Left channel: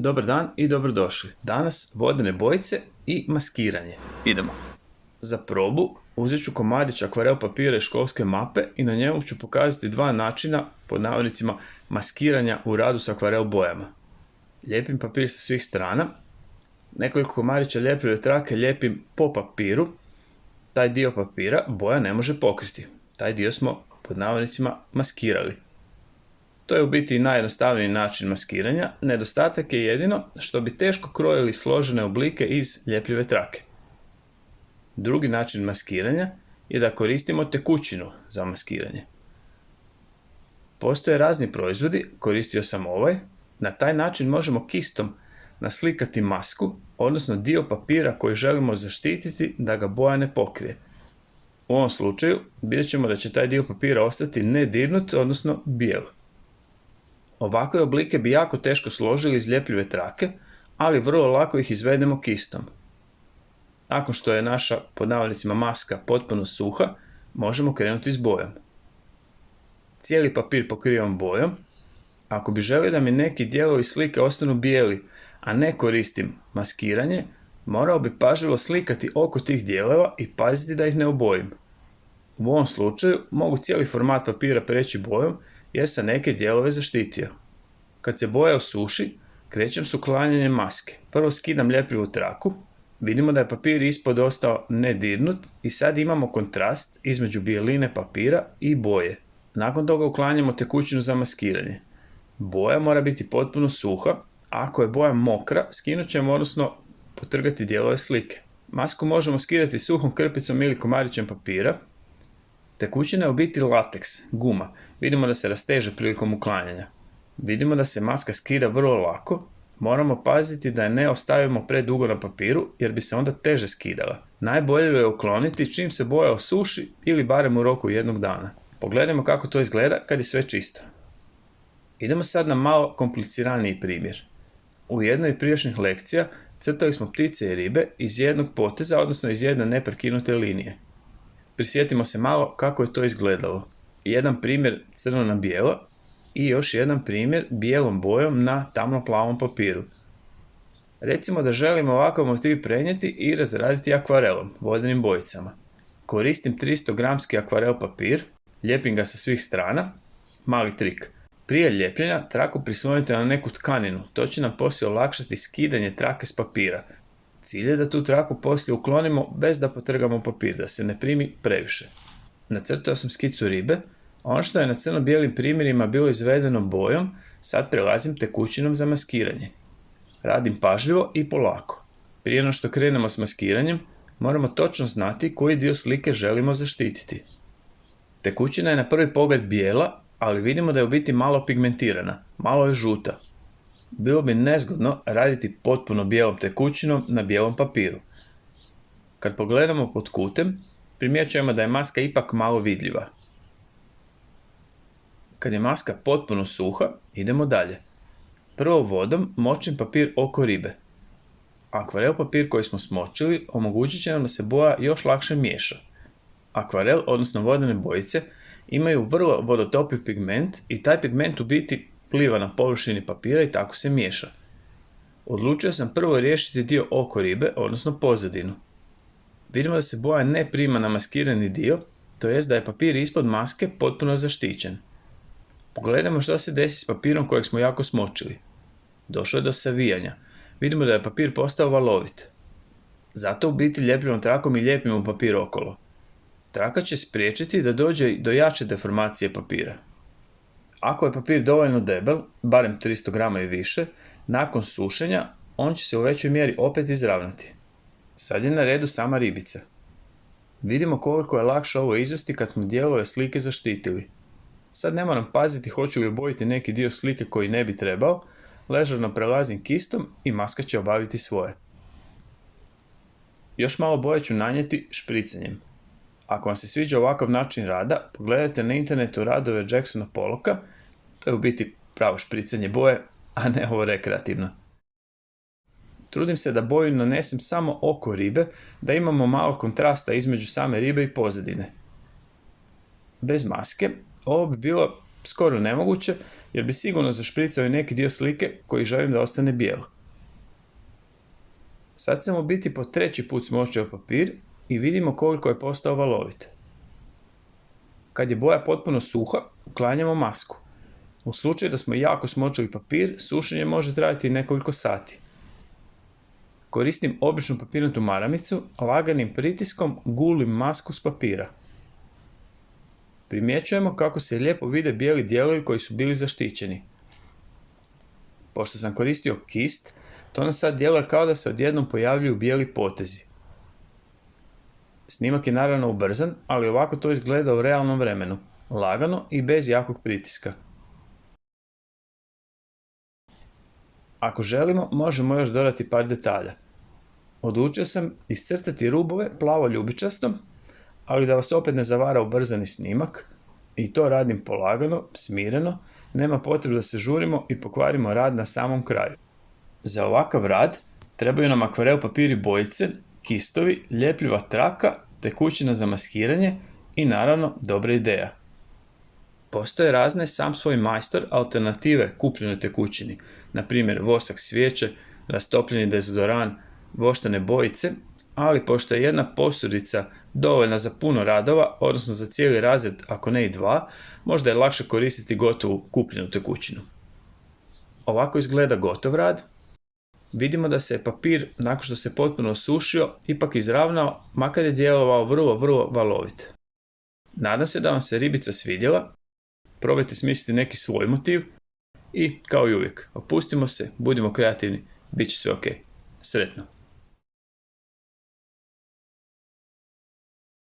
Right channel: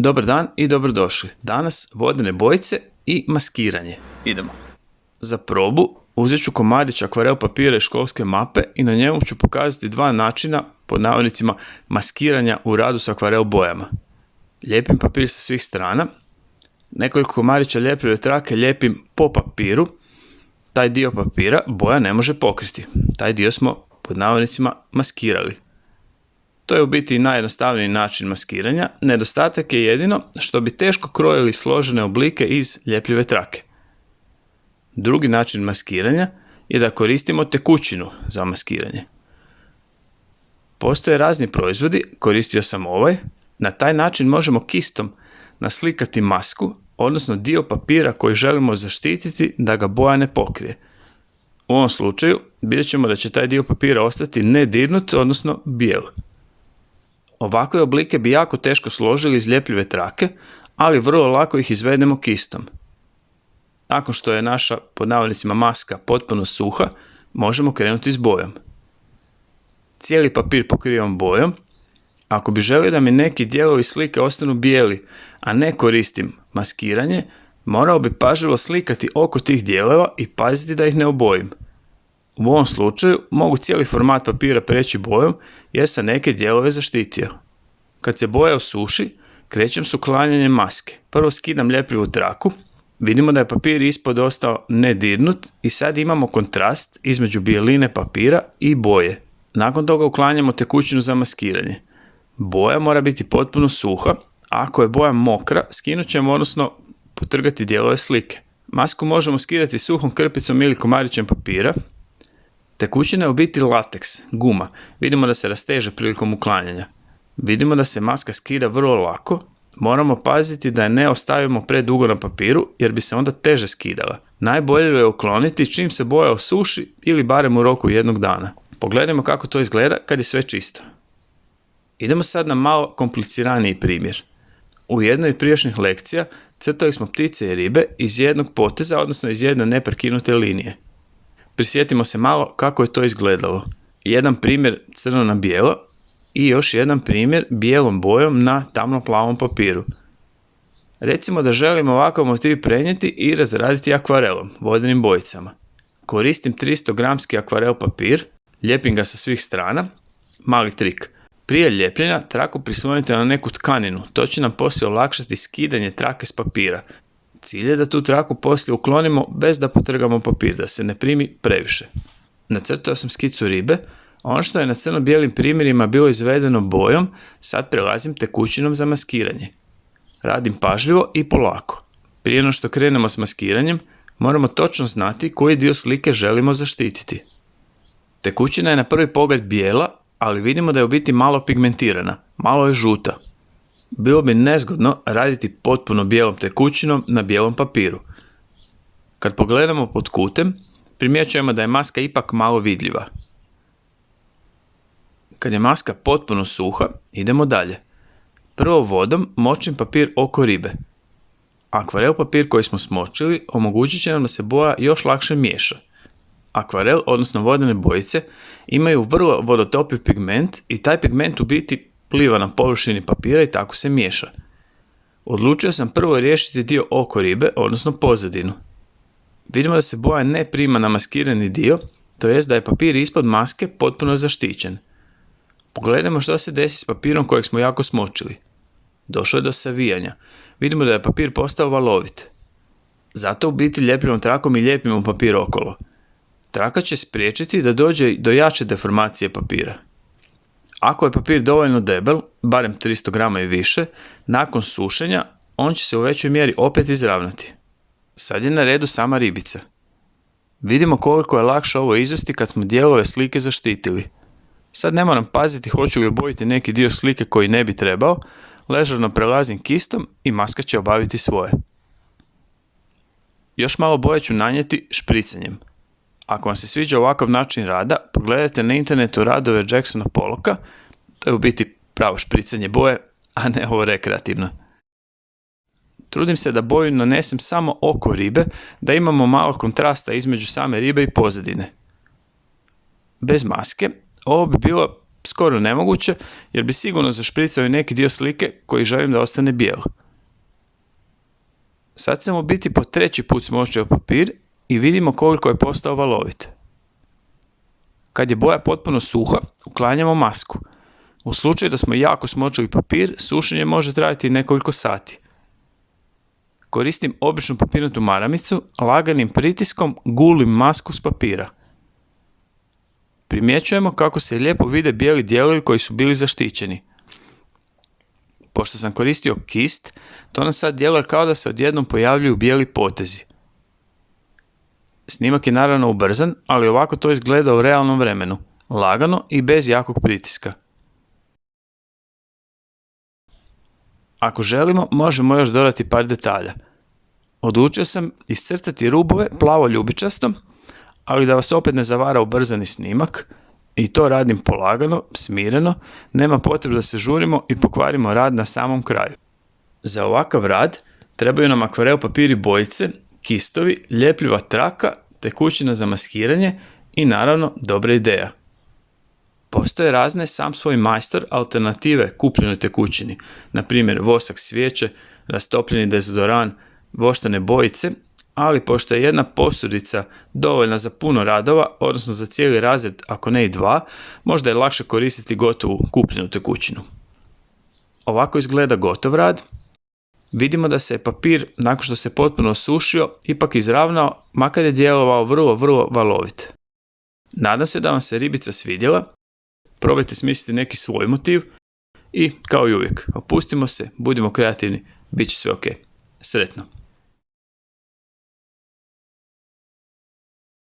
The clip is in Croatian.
Dobar dan i dobrodošli. Danas vodene bojice i maskiranje. Idemo. Za probu uzet ću komadić akvarel papira i školske mape i na njemu ću pokazati dva načina, pod navodnicima, maskiranja u radu s akvarel bojama. Lijepim papir sa svih strana, nekoliko komadića ljepljive trake lijepim po papiru, taj dio papira boja ne može pokriti. Taj dio smo, pod navodnicima, maskirali. To je u biti najjednostavniji način maskiranja, nedostatak je jedino što bi teško krojili složene oblike iz ljepljive trake. Drugi način maskiranja je da koristimo tekućinu za maskiranje. Postoje razni proizvodi, koristio sam ovaj, na taj način možemo kistom naslikati masku, odnosno dio papira koji želimo zaštititi da ga boja ne pokrije. U ovom slučaju vidjet ćemo da će taj dio papira ostati nedirnut, odnosno bijel. Ovakve oblike bi jako teško složili iz ljepljive trake, ali vrlo lako ih izvedemo kistom. Nakon što je naša, pod navodnicima, maska potpuno suha, možemo krenuti s bojom. Cijeli papir pokrivam bojom. Ako bi želio da mi neki dijelovi slike ostanu bijeli, a ne koristim maskiranje, morao bi pažljivo slikati oko tih dijelova i paziti da ih ne obojim. U ovom slučaju mogu cijeli format papira preći bojom jer sam neke dijelove zaštitio. Kad se boja osuši, krećem s uklanjanjem maske. Prvo skidam ljepljivu traku, vidimo da je papir ispod ostao nedirnut i sad imamo kontrast između bijeline papira i boje. Nakon toga uklanjamo tekućinu za maskiranje. Boja mora biti potpuno suha, a ako je boja mokra, skinut ćemo, odnosno potrgati dijelove slike. Masku možemo skidati suhom krpicom ili komadićem papira. Tekućina je u biti lateks, guma. Vidimo da se rasteže prilikom uklanjanja. Vidimo da se maska skida vrlo lako. Moramo paziti da je ne ostavimo predugo na papiru jer bi se onda teže skidala. Najbolje je ukloniti čim se boja osuši ili barem u roku jednog dana. Pogledajmo kako to izgleda kad je sve čisto. Idemo sad na malo kompliciraniji primjer. U jednoj od prijašnjih lekcija crtali smo ptice i ribe iz jednog poteza, odnosno iz jedne neprekinute linije. Prisjetimo se malo kako je to izgledalo. Jedan primjer crno na bijelo i još jedan primjer bijelom bojom na tamno plavom papiru. Recimo da želim ovakav motiv prenijeti i razraditi akvarelom, vodenim bojicama. Koristim 300 gramski akvarel papir, lijepim ga sa svih strana. Mali trik. Prije ljepljenja traku prislonite na neku tkaninu, to će nam poslije olakšati skidanje trake s papira. Cilj je da tu traku poslije uklonimo bez da potrgamo papir, da se ne primi previše. Nacrtao sam skicu ribe, ono što je na crno-bijelim primjerima bilo izvedeno bojom, sad prelazim tekućinom za maskiranje. Radim pažljivo i polako. Prije no što krenemo s maskiranjem, moramo točno znati koji dio slike želimo zaštititi. Tekućina je na prvi pogled bijela, ali vidimo da je u biti malo pigmentirana, malo je žuta. Bilo bi nezgodno raditi potpuno bijelom tekućinom na bijelom papiru. Kad pogledamo pod kutem, primjećujemo da je maska ipak malo vidljiva. Kad je maska potpuno suha, idemo dalje. Prvo vodom močim papir oko ribe. Akvarel papir koji smo smočili omogućit će nam da se boja još lakše miješa. Akvarel, odnosno vodene bojice, imaju vrlo vodotopiv pigment i taj pigment u biti pliva na površini papira i tako se miješa. Odlučio sam prvo riješiti dio oko ribe, odnosno pozadinu. Vidimo da se boja ne prima na maskirani dio, to jest da je papir ispod maske potpuno zaštićen. Pogledajmo što se desi s papirom kojeg smo jako smočili. Došlo je do savijanja. Vidimo da je papir postao valovit. Zato u biti ljepljivom trakom i lijepimo papir okolo. Traka će spriječiti da dođe do jače deformacije papira. Ako je papir dovoljno debel, barem 300 grama i više, nakon sušenja on će se u većoj mjeri opet izravnati. Sad je na redu sama ribica. Vidimo koliko je lakše ovo izvesti kad smo dijelove slike zaštitili. Sad ne moram paziti hoću li obojiti neki dio slike koji ne bi trebao, ležerno prelazim kistom i maska će obaviti svoje. Još malo boje ću nanijeti špricanjem. Ako vam se sviđa ovakav način rada, pogledajte na internetu radove Jacksona Pollocka, to je u biti pravo špricanje boje, a ne ovo rekreativno. Trudim se da boju nanesem samo oko ribe, da imamo malo kontrasta između same ribe i pozadine. Bez maske ovo bi bilo skoro nemoguće jer bi sigurno zašpricao i neki dio slike koji želim da ostane bijel. Sad sam u biti po 3. put smočio papir i vidimo koliko je postao valovit. Kad je boja potpuno suha, uklanjamo masku. U slučaju da smo jako smočili papir, sušenje može trajati nekoliko sati. Koristim običnu papirnatu maramicu, laganim pritiskom gulim masku s papira. Primjećujemo kako se lijepo vide bijeli dijelovi koji su bili zaštićeni. Pošto sam koristio kist, to nam sad djeluje kao da se odjednom pojavljuju bijeli potezi. Snimak je naravno ubrzan, ali ovako to izgleda u realnom vremenu, lagano i bez jakog pritiska. Ako želimo, možemo još dodati par detalja. Odlučio sam iscrtati rubove plavo ljubičastom, ali da vas opet ne zavara ubrzani snimak, i to radim polagano, smireno, nema potrebe da se žurimo i pokvarimo rad na samom kraju. Za ovakav rad trebaju nam akvarel papir i bojice, kistovi, ljepljiva traka, tekućina za maskiranje i naravno dobra ideja. Postoje razne sam svoj majstor alternative kupljenoj tekućini, na primjer vosak svijeće, rastopljeni dezodoran, voštane bojice, ali pošto je jedna posudica dovoljna za puno radova, odnosno za cijeli razred, ako ne i 2, možda je lakše koristiti gotovu kupljenu tekućinu. Ovako izgleda gotov rad. Vidimo da se papir, nakon što se potpuno osušio, ipak izravnao, makar je djelovao vrlo valovit. Nadam se da vam se ribica svidjela. Probajte smisliti neki svoj motiv i, kao i uvijek, opustimo se, budimo kreativni, bit će sve ok. Sretno!